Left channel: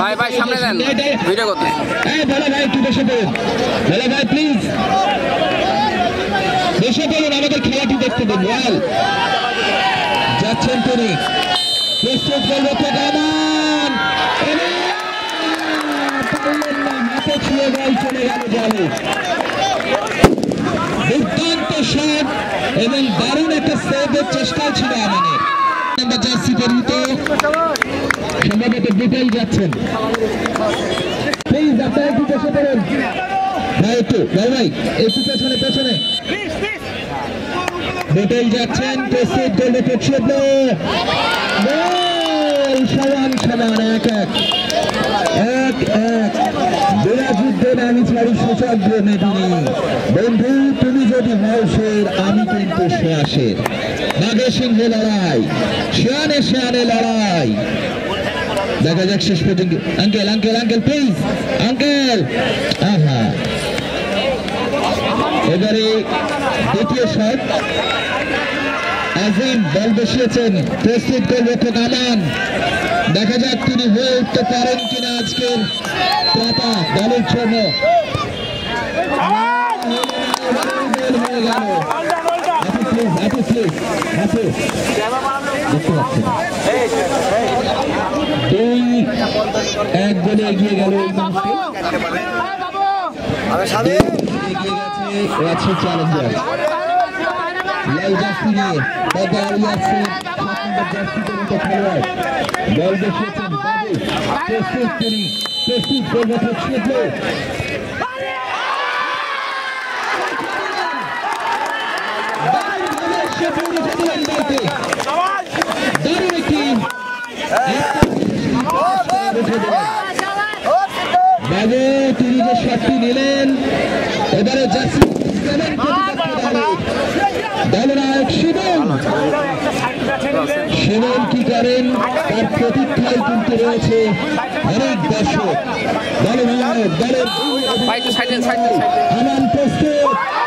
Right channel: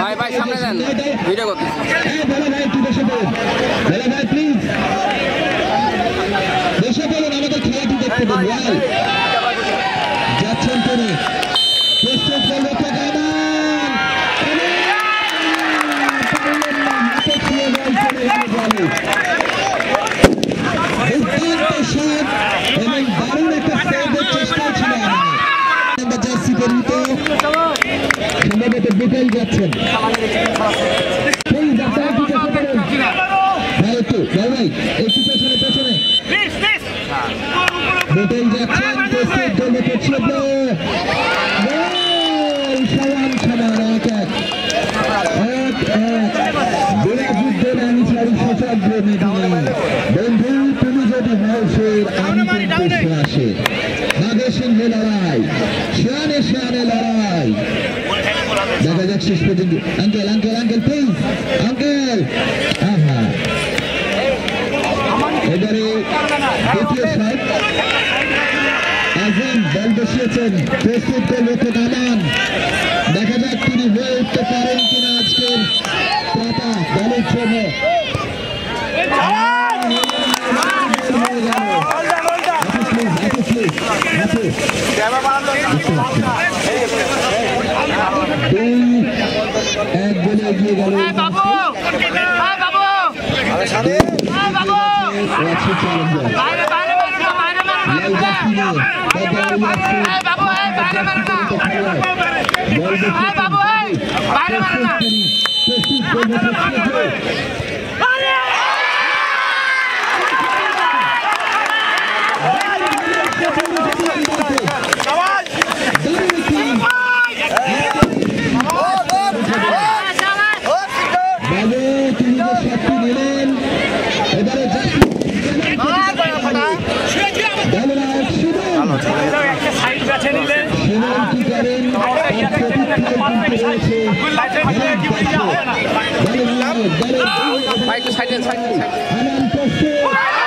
ভাই ভাই সামনে দেন ভিডিও করতে বলো ভাই একটু বসে পড়ুন বলো ভাই প্লিজ বসে পড়ুন আমাদের খেলাটি দেখতে দিন ওয়াল যাচ্ছেন করে প্রস্তুত করবো তো গামান হাতে ছুঁয়ে বল চলে গেল বলে দুর্দান্ত শট এবং দারুণ একটা সেভের চেষ্টা ছিল আমাদের জার্সি পরিহিত সম্ভবত বিটেল যাচ্ছেন প্লিজ আপনারা একটু বসে পড়ুন ভাই একটু ভাই একটু পেছনে পেছনে বিটেল যাচ্ছেন প্রস্তুত করবো তো ছিল সমান সমান এক এক বিরাজুদ্দিন আমি চাই সশব্দ নিদিনে বন্ধু তুমি যদি হও শের আমি কিন্তু শেষে নাগে সিংহ লড়াই শিয়ানে শিয়ানে লড়াই দেখা যাক শেষ পর্যন্ত uncle uncle uncle please uncle আহা এবারে দ্বিতীয় শট আজম বল বসিয়েছেন প্রস্তুত করবো তো গামান দেখা যাক তিনি হয়ে উঠতে পারেন কিনা আজকের প্রাতা দলের জন্য দুই এক বলে এগিয়ে গেল চ্যালেঞ্জার বাবু তিনি যে শটটি নিলেন এবারে শিবন কি করেন তার প্রতীক্ষায় কিন্তু রয়েছে অনেক দর্শক দলের ভাই একটু সাইডে সাইডে প্রস্তুত